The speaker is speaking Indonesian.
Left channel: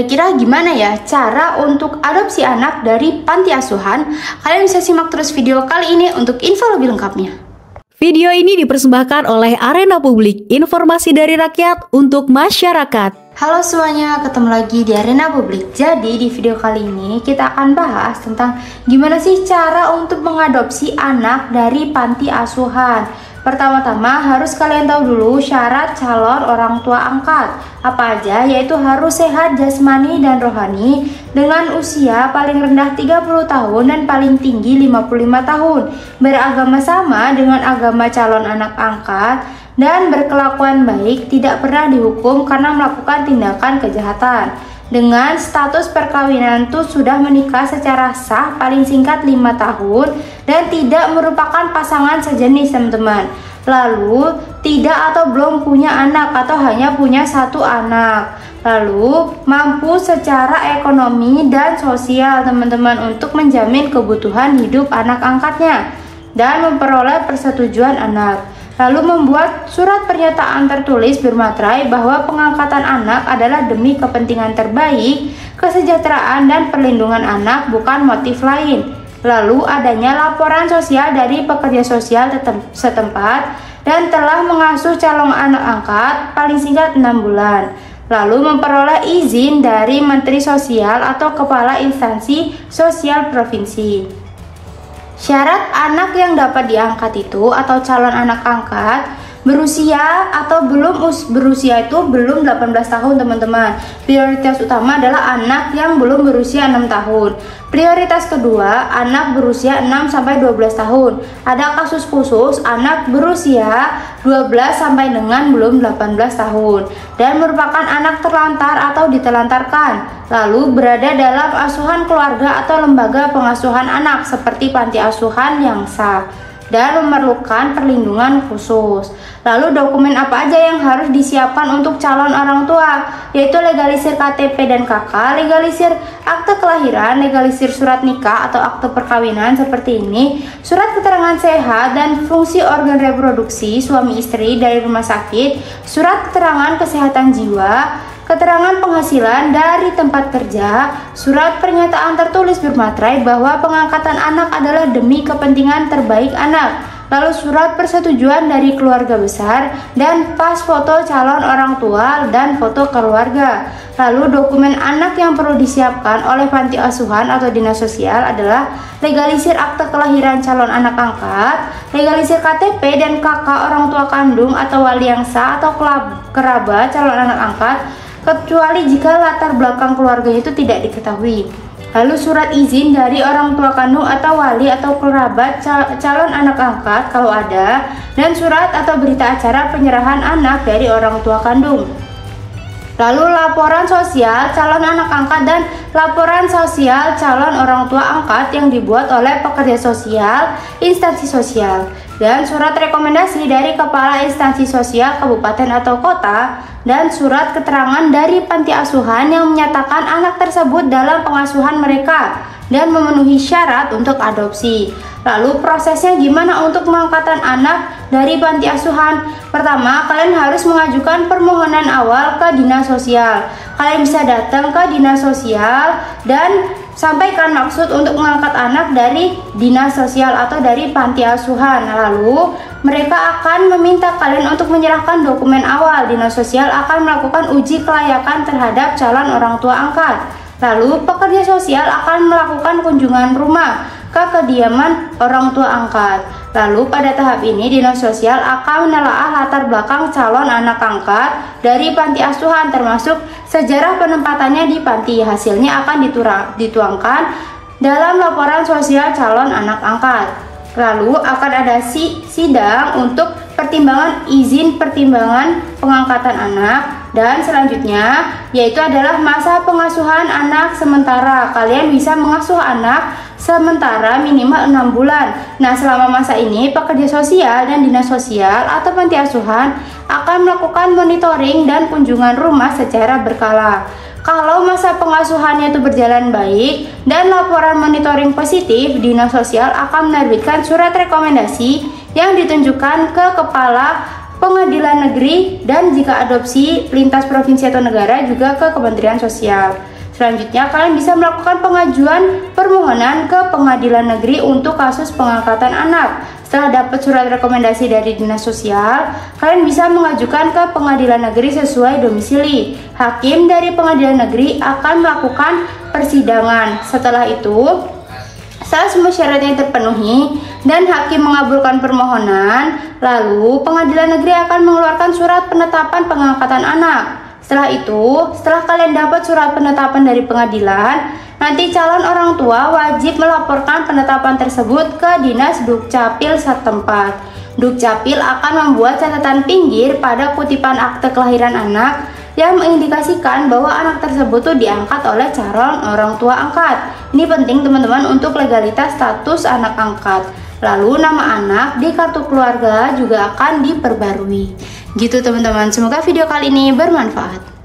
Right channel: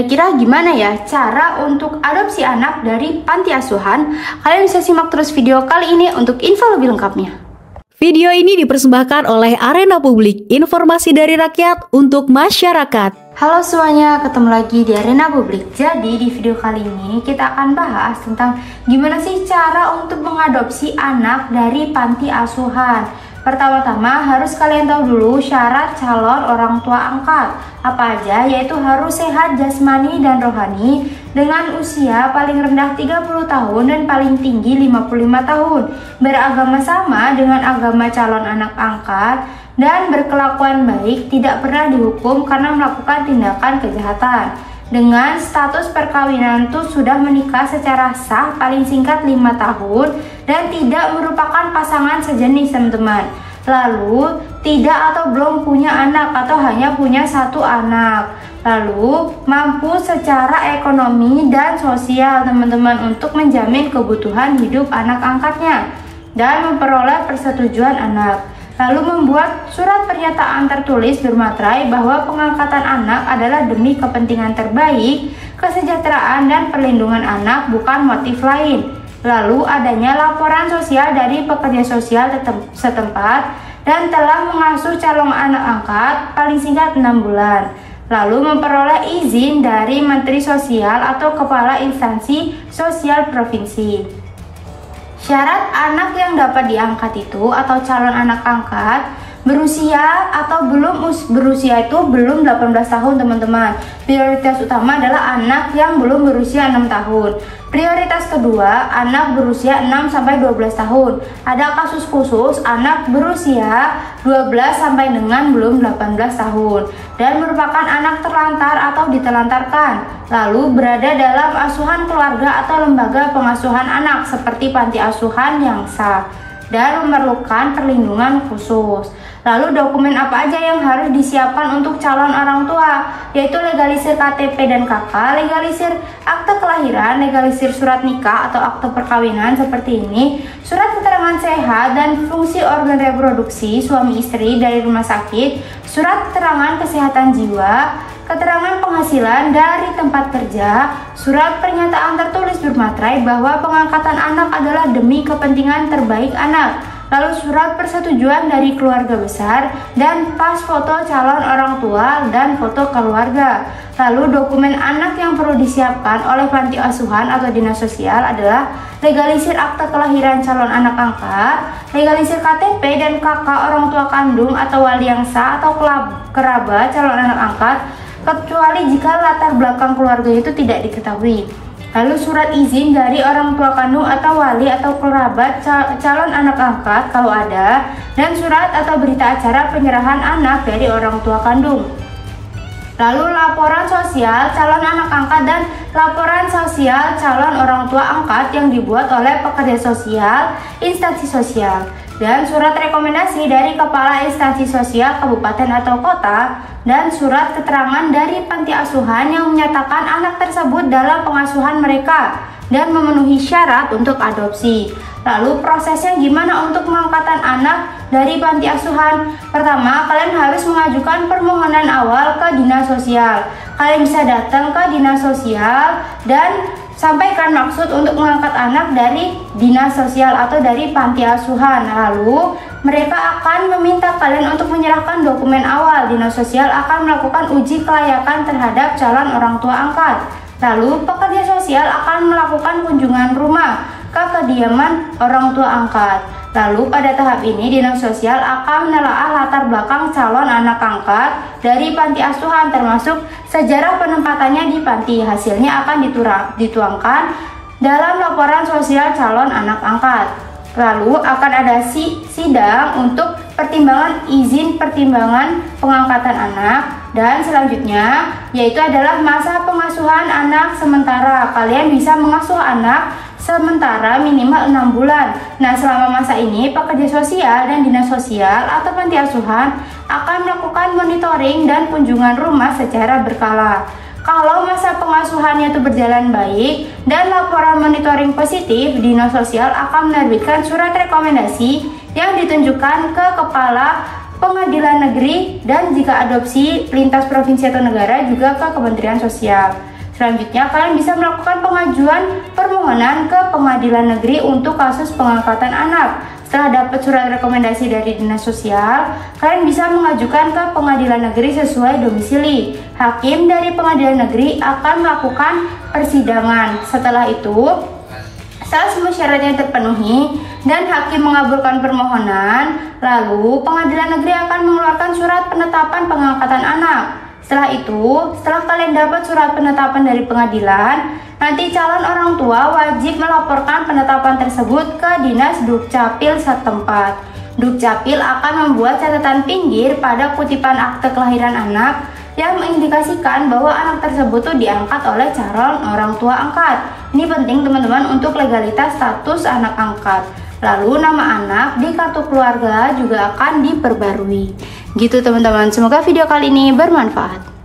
Kira-kira gimana ya cara untuk adopsi anak dari panti asuhan? Kalian bisa simak terus video kali ini untuk info lebih lengkapnya. Video ini dipersembahkan oleh Arena Publik, informasi dari rakyat untuk masyarakat. Halo semuanya, ketemu lagi di Arena Publik. Jadi di video kali ini kita akan bahas tentang gimana sih cara untuk mengadopsi anak dari panti asuhan. Pertama-tama harus kalian tahu dulu syarat calon orang tua angkat. Apa aja? Yaitu harus sehat jasmani dan rohani dengan usia paling rendah 30 tahun dan paling tinggi 55 tahun. Beragama sama dengan agama calon anak angkat dan berkelakuan baik, tidak pernah dihukum karena melakukan tindakan kejahatan. Dengan status perkawinan tuh sudah menikah secara sah paling singkat 5 tahun dan tidak merupakan pasangan sejenis teman-teman. Lalu tidak atau belum punya anak atau hanya punya satu anak. Lalu mampu secara ekonomi dan sosial teman-teman untuk menjamin kebutuhan hidup anak angkatnya dan memperoleh persetujuan anak. Lalu membuat surat pernyataan tertulis bermaterai bahwa pengangkatan anak adalah demi kepentingan terbaik, kesejahteraan dan perlindungan anak, bukan motif lain. Lalu adanya laporan sosial dari pekerja sosial setempat dan telah mengasuh calon anak angkat paling singkat 6 bulan. Lalu memperoleh izin dari Menteri Sosial atau Kepala Instansi Sosial Provinsi. Syarat anak yang dapat diangkat itu atau calon anak angkat berusia atau belum berusia itu belum 18 tahun teman-teman. Prioritas utama adalah anak yang belum berusia 6 tahun. Prioritas kedua, anak berusia 6 sampai 12 tahun. Ada kasus khusus anak berusia 12 sampai dengan belum 18 tahun dan merupakan anak terlantar atau ditelantarkan, lalu berada dalam asuhan keluarga atau lembaga pengasuhan anak seperti panti asuhan yang sah dan memerlukan perlindungan khusus. Lalu dokumen apa aja yang harus disiapkan untuk calon orang tua? Yaitu legalisir KTP dan KK, legalisir akte kelahiran, legalisir surat nikah atau akte perkawinan seperti ini, surat keterangan sehat dan fungsi organ reproduksi suami istri dari rumah sakit, surat keterangan kesehatan jiwa, keterangan penghasilan dari tempat kerja, surat pernyataan tertulis bermaterai bahwa pengangkatan anak adalah demi kepentingan terbaik anak, lalu surat persetujuan dari keluarga besar dan pas foto calon orang tua dan foto keluarga. Lalu dokumen anak yang perlu disiapkan oleh panti asuhan atau dinas sosial adalah legalisir akte kelahiran calon anak angkat, legalisir KTP dan KK orang tua kandung atau wali yang sah atau kerabat calon anak angkat, kecuali jika latar belakang keluarga itu tidak diketahui. Lalu surat izin dari orang tua kandung atau wali atau kerabat calon anak angkat kalau ada, dan surat atau berita acara penyerahan anak dari orang tua kandung. Lalu laporan sosial calon anak angkat dan laporan sosial calon orang tua angkat yang dibuat oleh pekerja sosial, instansi sosial, dan surat rekomendasi dari kepala instansi sosial kabupaten atau kota, dan surat keterangan dari panti asuhan yang menyatakan anak tersebut dalam pengasuhan mereka dan memenuhi syarat untuk adopsi. Lalu prosesnya gimana untuk pengangkatan anak dari panti asuhan? Pertama, kalian harus mengajukan permohonan awal ke dinas sosial. Kalian bisa datang ke dinas sosial dan sampaikan maksud untuk mengangkat anak dari dinas sosial atau dari panti asuhan. Lalu mereka akan meminta kalian untuk menyerahkan dokumen awal. Dinas sosial akan melakukan uji kelayakan terhadap calon orang tua angkat. Lalu pekerja sosial akan melakukan kunjungan rumah ke kediaman orang tua angkat. Lalu pada tahap ini dinas sosial akan menelaah latar belakang calon anak angkat dari panti asuhan termasuk sejarah penempatannya di panti. Hasilnya akan dituangkan dalam laporan sosial calon anak angkat. Lalu akan ada sidang untuk pertimbangan izin pertimbangan pengangkatan anak, dan selanjutnya yaitu adalah masa pengasuhan anak sementara. Kalian bisa mengasuh anak sementara minimal 6 bulan. Nah, selama masa ini pekerja sosial dan dinas sosial atau panti asuhan akan melakukan monitoring dan kunjungan rumah secara berkala. Kalau masa pengasuhannya itu berjalan baik dan laporan monitoring positif, dinas sosial akan menerbitkan surat rekomendasi yang ditunjukkan ke kepala pengadilan negeri dan jika adopsi lintas provinsi atau negara juga ke Kementerian Sosial. Selanjutnya, kalian bisa melakukan pengajuan permohonan ke pengadilan negeri untuk kasus pengangkatan anak. Setelah dapat surat rekomendasi dari Dinas Sosial, kalian bisa mengajukan ke pengadilan negeri sesuai domisili. Hakim dari pengadilan negeri akan melakukan persidangan. Setelah itu, saat semua syaratnya terpenuhi dan hakim mengabulkan permohonan, lalu pengadilan negeri akan mengeluarkan surat penetapan pengangkatan anak. Setelah itu, setelah kalian dapat surat penetapan dari pengadilan, nanti calon orang tua wajib melaporkan penetapan tersebut ke Dinas Dukcapil setempat. Dukcapil akan membuat catatan pinggir pada kutipan akte kelahiran anak yang mengindikasikan bahwa anak tersebut diangkat oleh calon orang tua angkat. Ini penting teman-teman untuk legalitas status anak angkat. Lalu nama anak di kartu keluarga juga akan diperbarui. Gitu teman-teman, semoga video kali ini bermanfaat.